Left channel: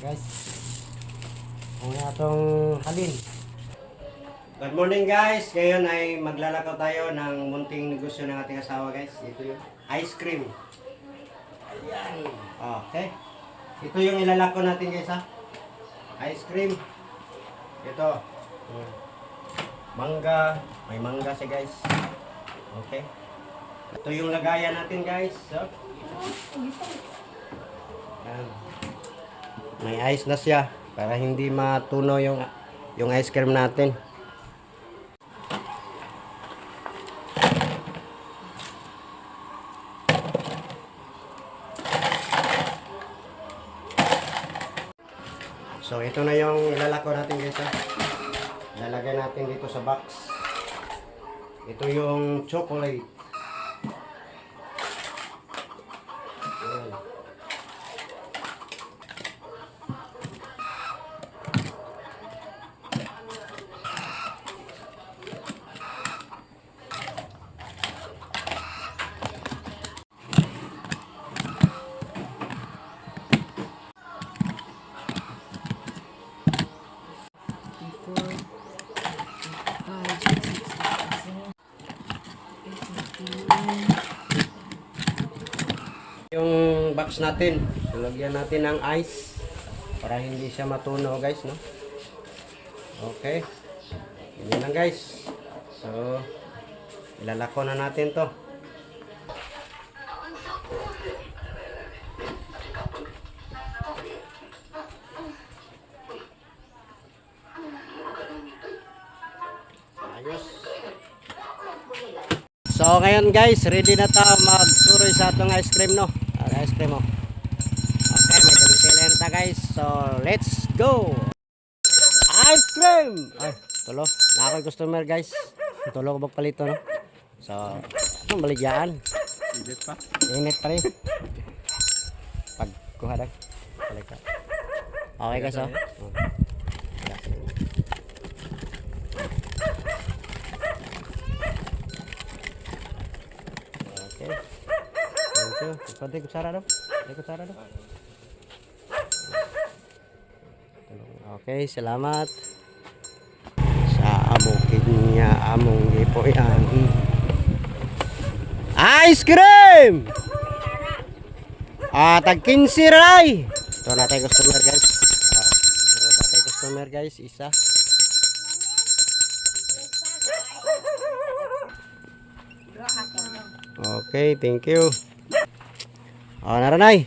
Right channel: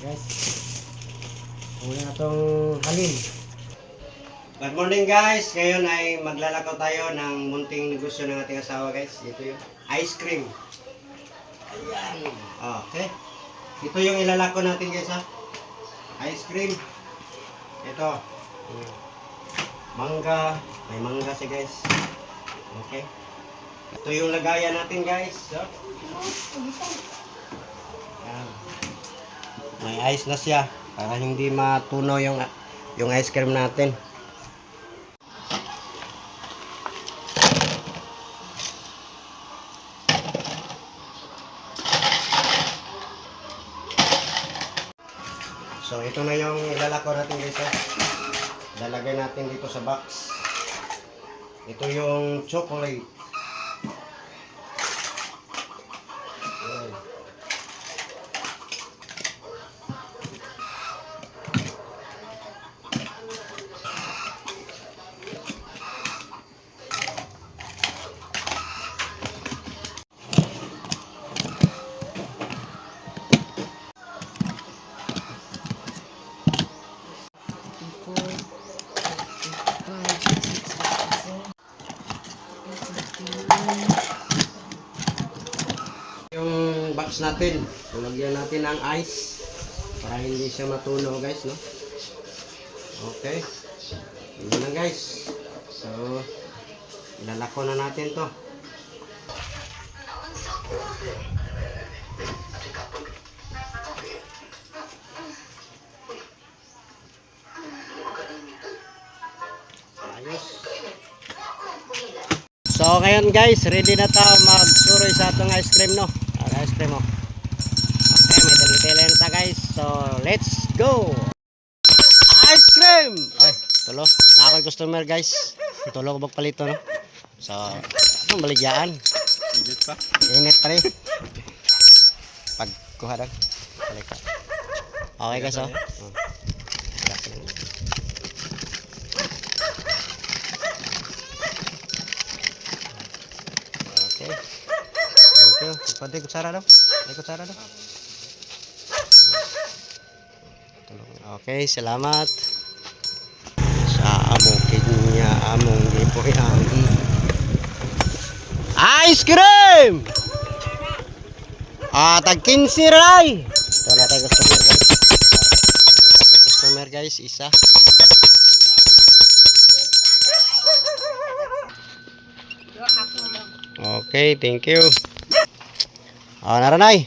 Guys, ang atong halin. Good morning guys. Ngayon ay maglalakaw tayo ng munting negosyo ng ating asawa guys. Ito yung ice cream. Ayan. Okay. Ito yung ilalako natin guys ha. Ice cream. Ito. Mangga. May mangga siya guys. Okay. Ito yung lagayan natin guys. So, ayan. May ice na siya para hindi matunaw yung ice cream natin. So ito na yung ilalako natin guys. Lalagay natin dito sa box. Ito yung chocolate. Ayan. Yung box natin, lagyan natin ng ice para hindi siya matunaw guys, no? Okay. Yun na guys. So, ilalako na natin to. Ayos. So ngayon guys, ready na tayo magsuroy sa atong ice cream, no? Ice cream, oh. Okay, may tali-tali na tayo guys. So let's go! Ice cream! Ay, tulo. Na ako'y customer guys. Tulo ko magpalito, no? So, anong baligyaan? Init pa? Init pa rin. Pagkuha lang. Balik ka. Okay guys, oh. Okay. Thank you. Pwede kutsara daw? Pwede kutsara daw? Okay, salamat. Sa bukid niya among lipo ang ice cream! Tag 15 ray! Ito na tayo customer guys. Ito na tayo customer guys, isa. Okay, thank you. Naranay.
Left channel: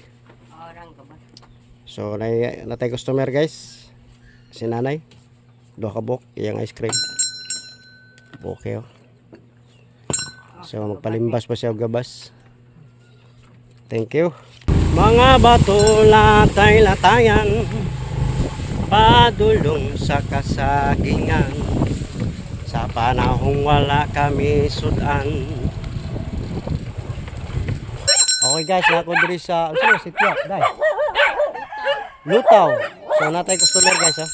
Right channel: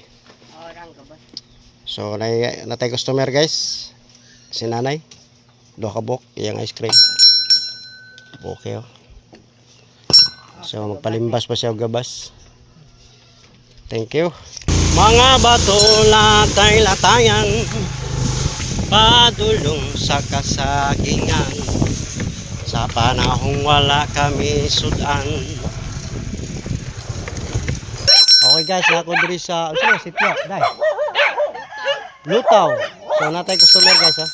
So, natay customer guys. Si nanay. Dua ka bok, iyang ice cream. Okay, oh. So, magpalimbas pa siya og gabas. Thank you. Mga bato latay-latayan, padulong sa kasagingan, sa panahong wala kami sudan. Okay guys, ako diri sa sitya, dai. Lutaw. So natay customer guys, ha.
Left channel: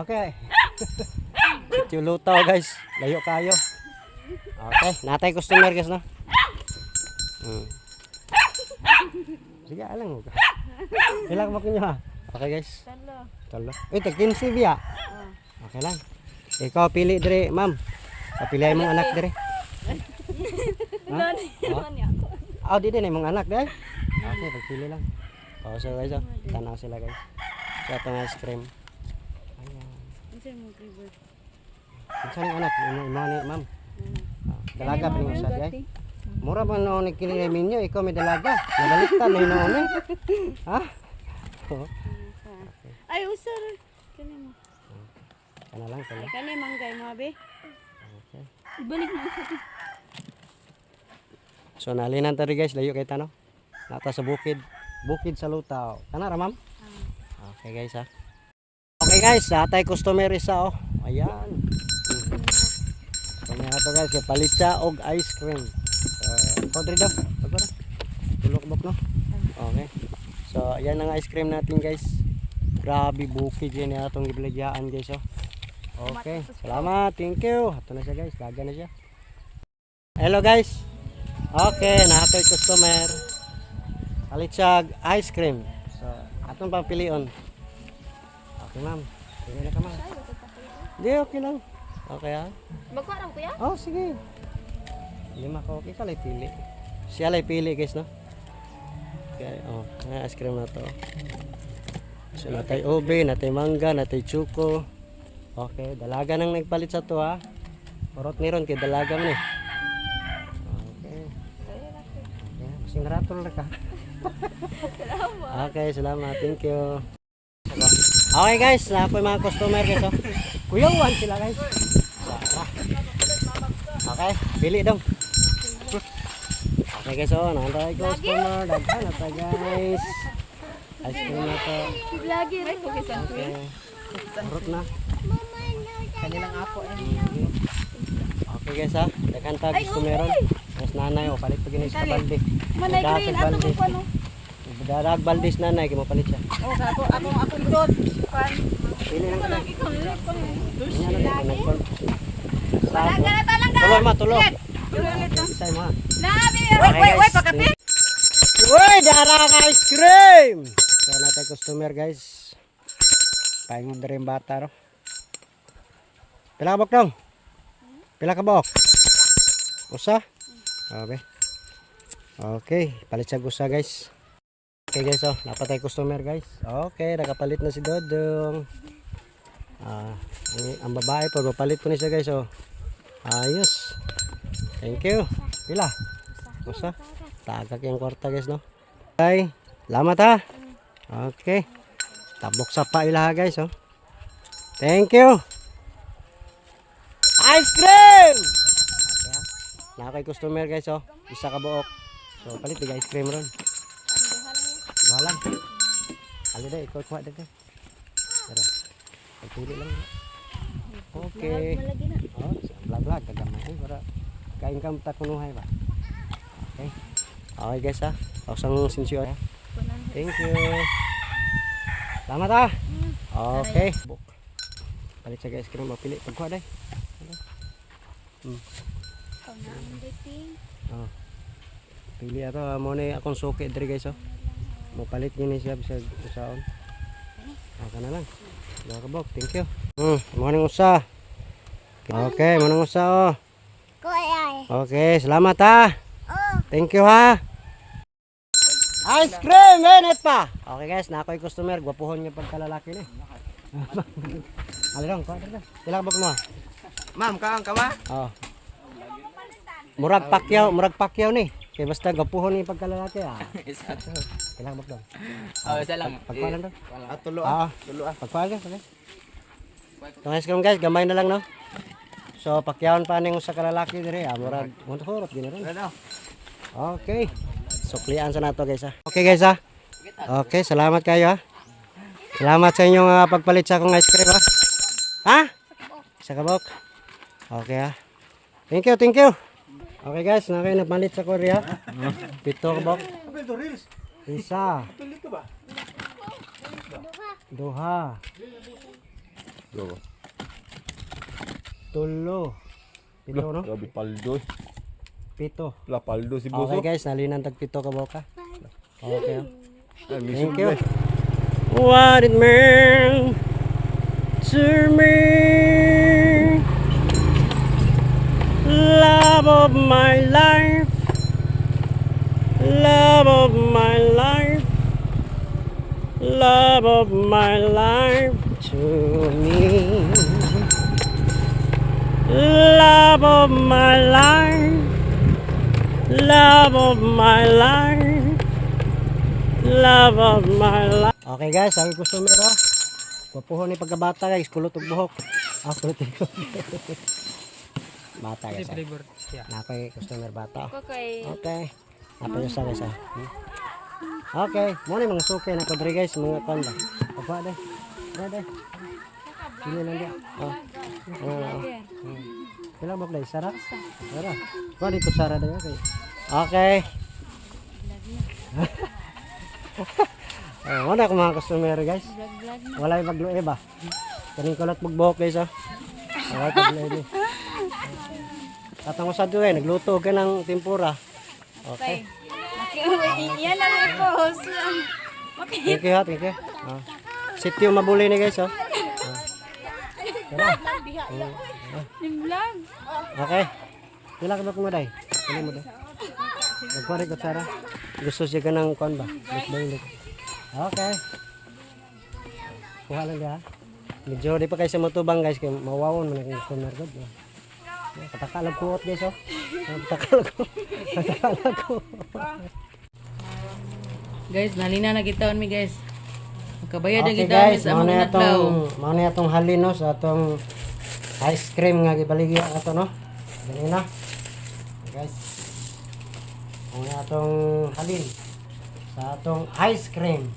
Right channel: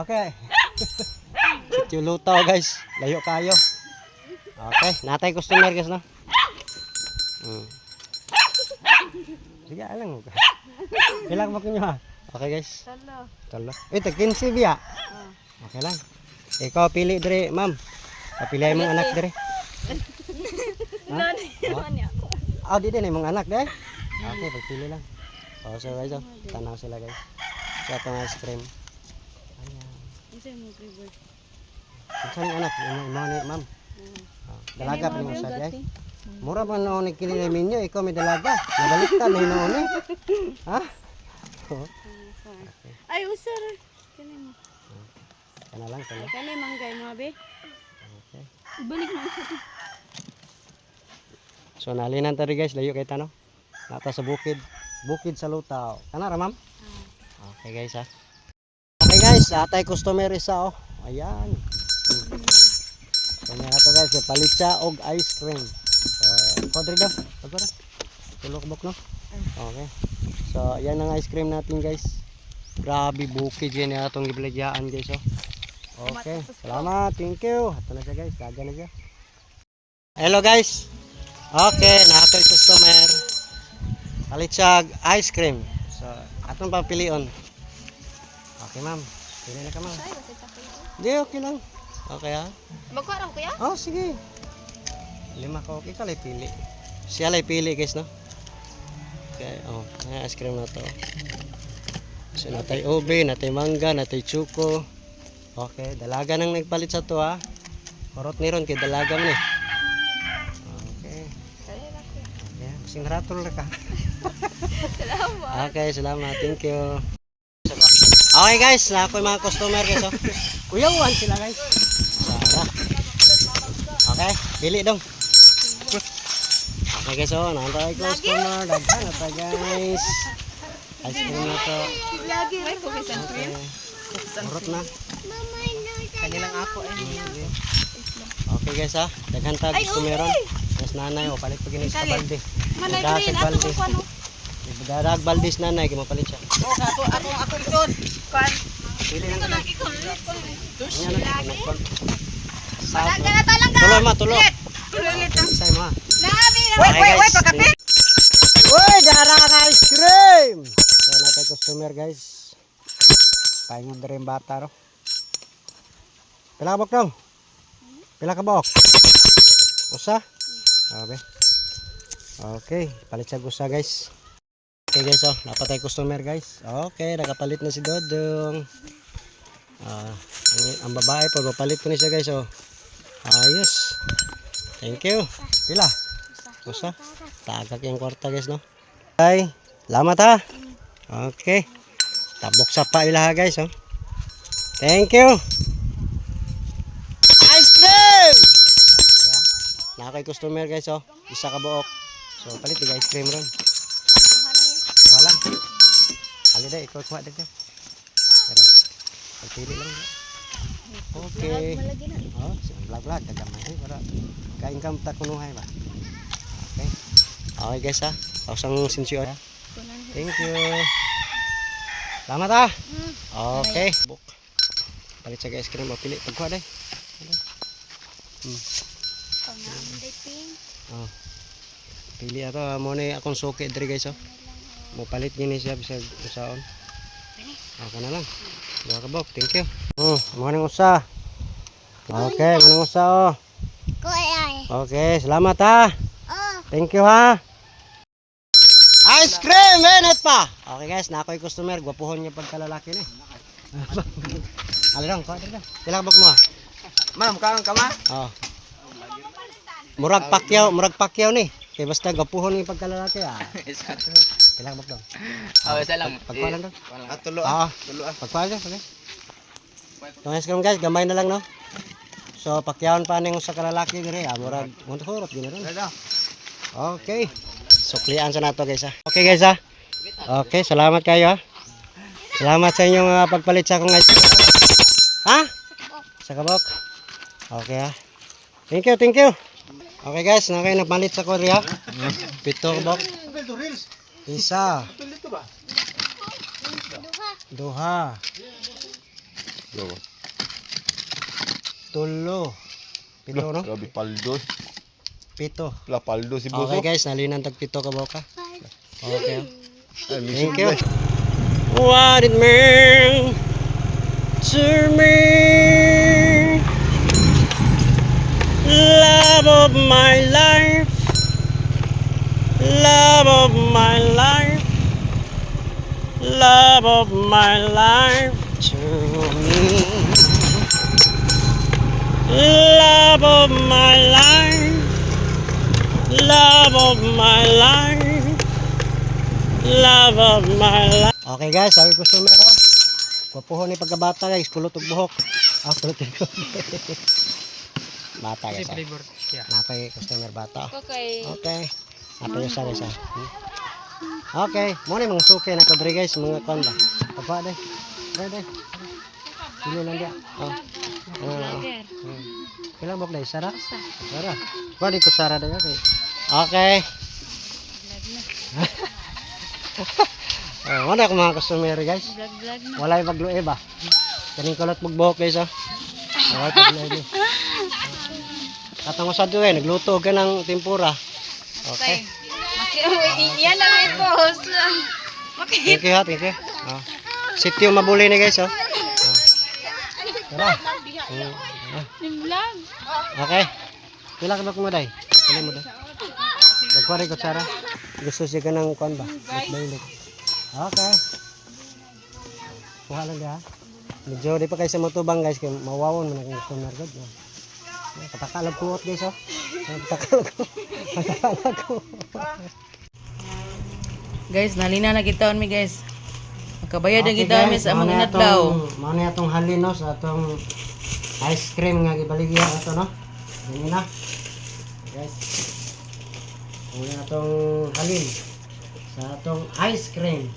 Okay. Sityo Lutaw guys, layo kayo. Okay, natay customer guys, no. Sige, alang mo. Ilang mo kinyo, ha. Okay guys. Talo. Tag 15 biya. Okay lang. Ikaw pili dire, ma'am. Kapilay mong anak dire. Di din mong anak dai. Okay, pagpili lang. So guys, tanaw sila guys. Sa atong ice cream. Ayan. Unsa imong flavor? Unsa imong anak? Imong ni ma'am. Dalaga pa mo sa guys. Mura man noon ni kini minyo, ikaw may dalaga. Nabaliktad na noon eh. Ha? Ay usar kani mo. Kana lang kana. Kani manggay mo be. Okay. Ibalik mo sa. So nalinan tadi guys, layo kay tano. Nata sa bukid. Bukid sa Lutaw. Kana ra ma'am? Okay guys, ha. Okay guys, atay customer isa, oh. Ayan. Kanya na to guys, palit siya og ice cream. Kodre daw. Ako na. Tulok bok, no? Okay. So ayan ang ice cream natin guys. Grabe bukid yan atong gibilagyaan guys, oh. Okay. Salamat. Thank you. Ato na siya guys. Daga na siya. Hello guys. Okay, nakakay customer. Palit siya ice cream. So, Atong papilion. Okay, ma'am. Pili na ka, ma'am. Ay, wala tayo. Di, okay lang. Okay, ha? Magkuha raw kuya? Oh, sige. 5 ka, okay ka, lay pili. Siya lay pili, guys, no? Okay, oh. Ay, ice cream na to. So, natay ube, natay mangga, natay chuko. Okay, dalaga nang nagpalit sa to, ha? Korot ni ron, kay dalaga mo, eh. Okay. Okay, kasing ratol na ka. Salamat. Okay, salamat. Thank you. Okay guys, na ako yung mga customer guys. Oh. Kuyawan sila guys. Tara. Okay, pili dong. Okay guys, oh, nantay customer. Daghan na ta guys. Ice cream na to. Lagi. May kukisan ko Okay. Urot na. Kanilang ako eh. Okay guys ha, daghan ta customer ron. Mas nanay oh, palit pa ginis sa balde. Manay Dadag green. Ato balde. ko ano? Dadag balde nanay, kay mo palit siya. Oh, ako likod. Kan. Pili lang ka. Lagi ko ulit ko. Ano na nagkon. Tuloy ma, tuloy. Ulit na. Say mo ha. Nabi. Wait, pagkape. Uy, dara ka ice cream. Kaya natin customer guys. Paingod rin bata ro. Pila ka bok dong? Pila ka bok? Usa? Okay. Okay, palit siya gusa guys. Okay guys, oh, napatay customer guys. Okay, nakapalit na si Dodong. Ang babae po, papalit ko na siya guys, oh. Ayos. Thank you. Pila? Usa? Tagak yung kwarta guys, no? Okay, salamat ha. Okay. Tabok sa pa ilaha guys, oh. Thank you. Ice cream! Okay ha. Nakakay customer guys, oh. Isa ka buok. So, palit yung ice cream ron. Wala. Ali deh, ikaw kuha deh. Pero, pagpili lang. Okay. Oh, vlog-vlog kagamay para ka-income ta kunuhay ba. Okay. Okay guys ha. Pausang sinsyo ha. Thank you. Salamat ha. Okay. Buk. Palit sa ice cream mapili pagkuha deh. Oh. Pili ato mo ni akong suki diri guys oh. Mo palit gini siya bisag usaon. Okay na lang. Dua ka bok, thank you. Mo nang usa. Okay, mo nang usa oh. Okay, salamat ha. Thank you ha. Ice cream, minute pa. Okay guys, na ako yung customer, gwapuhon niya pagkalalaki ni. Alirong, kuha dito. Pila ka bok mo? Ma'am, kaang kama? Oh. Murag pakyaw ni. Kay basta gapuhon ni pagkalalaki ah. Isa to. Kailangan mo daw. Oh, isa lang. Pagkuha lang daw. Tulo Ah, Tulo ah. pagkuha lang, okay. Itong ice cream guys, gamay na lang no. So pakyawon pa ning usa ka lalaki dire, ah, murag hunhurot gini ron. Okay. Suklian sa nato guys ah. Okay guys ah. Okay, salamat kayo ah. Salamat sa inyong pagpalit sa akong ice cream ah. Ha? Sa kabok. Okay ah. Thank you, thank you. Okay guys, nakay nagpalit sa Korea. 7 kabok. Isa. Duha. Tulo. Pito no? Grabe paldo. Pito. La paldo si Boso. Okay guys, nalinan tag pito ka boka. Okay. Ay, Thank you. What it meant to me, love of my life, love of my life, love of my life to me, love of my life, love of my life, love of my life. Okay guys, sabi ko sumero. Papuhon ni pagkabata guys, kulot ug buhok. Kulot ug buhok. Bata guys. Flavor. Yeah. Napay customer bata. Okay. Okay. Napay sa guys. Okay, mo ni mga suki na kodre guys, mga kon ba. Pagpa de. Dai. Sino lang dia? Oh. Lager. Pila bok dai sara? Sara. Ba di ko sara dai okay. Okay. Wala ko mga customer guys. Vlog na. Walay maglue ba? Kaning kulot magbuhok guys ah. Walay paglue ni. Katong sa duwe nagluto ka ng tempura. Okay. Yan na may post. Thank you ha, thank you. Sityo mabuli ni guys, oh. Tara. Yung vlog. Okay. Pila ka ba kung maday? Pili mo daw. Magkwari ko, Sarah. Gusto siya ka ng kuwan ba? Bakbaylik. Okay. Kuha lang ha. Medyo di pa kayo sa matubang guys. Kaya mawawon mo na kung kunar god. Katakalag ko guys, oh. Katakalag ko. Katakalag ko. Guys, nalina na kita mi guys. Makabayad na Okay, kita mi guys, sa among inadlaw. Mao na atong halin no sa atong ice cream nga gibaligya ato no. Dili na. Guys. Mao na atong halin sa atong ice cream.